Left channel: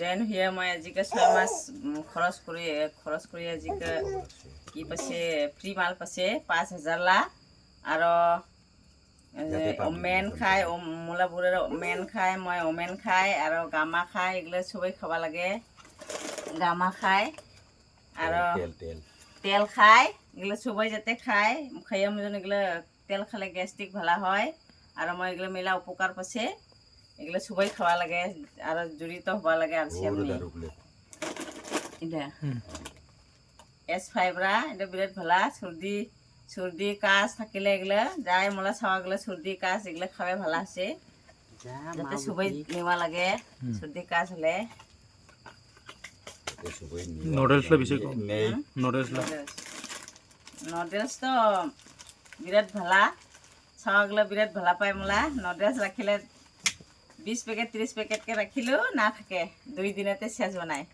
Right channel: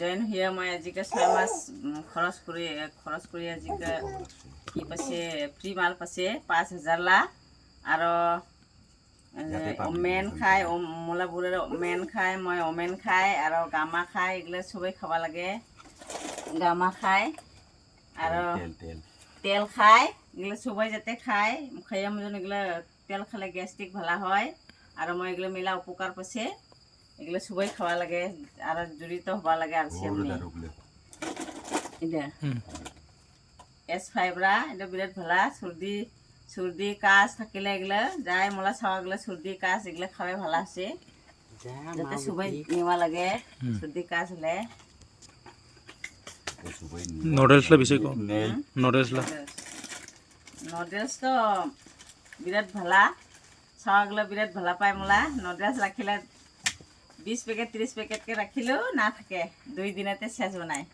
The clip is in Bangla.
জয়েন হয়ে মই আজিকে 6 মাস খরচ করি আজিকে কি পাছে ফ্রি মাল পাছে 5000 লা আর ওমেন খাই মোলা বুড়ের ওমেন খাই মই ওমেন খাই আর গামা খাই এগুলো সবাই খাওয়া লাগে গামা খাই আর তেল খাই এগুলো সবাই যাতে খাই খাইয়া মজন এগুলো তেল খালে গ্যাস্ট্রিক ভালো হয় আর মই এগুলো মেলা উপকার পাছে এগুলো সবাই খাওয়া লাগে আর জড়িত হওয়া লাগে আর এটা S5 রা এটা বিরাট ভালো সর্দি কাশ থাকিলে এগুলো যাই মোলা ছাওয়াগুলো সর্দি কাশ এগুলো খাওয়া ভালো আছে যাতে সবাই নেওয়া লাগে সর্দি কাশ হলে নুডলসটা বেশি কম নুডলস তো বিরাট ভালা ছাওয়াগুলো বিরাট ভালা পায় মোলা নুডলস রাখিলে 20 প্যাকেট 30 প্যাকেট কে রাখিলেও না থাকে 2 দিনেতে শেষ বানায়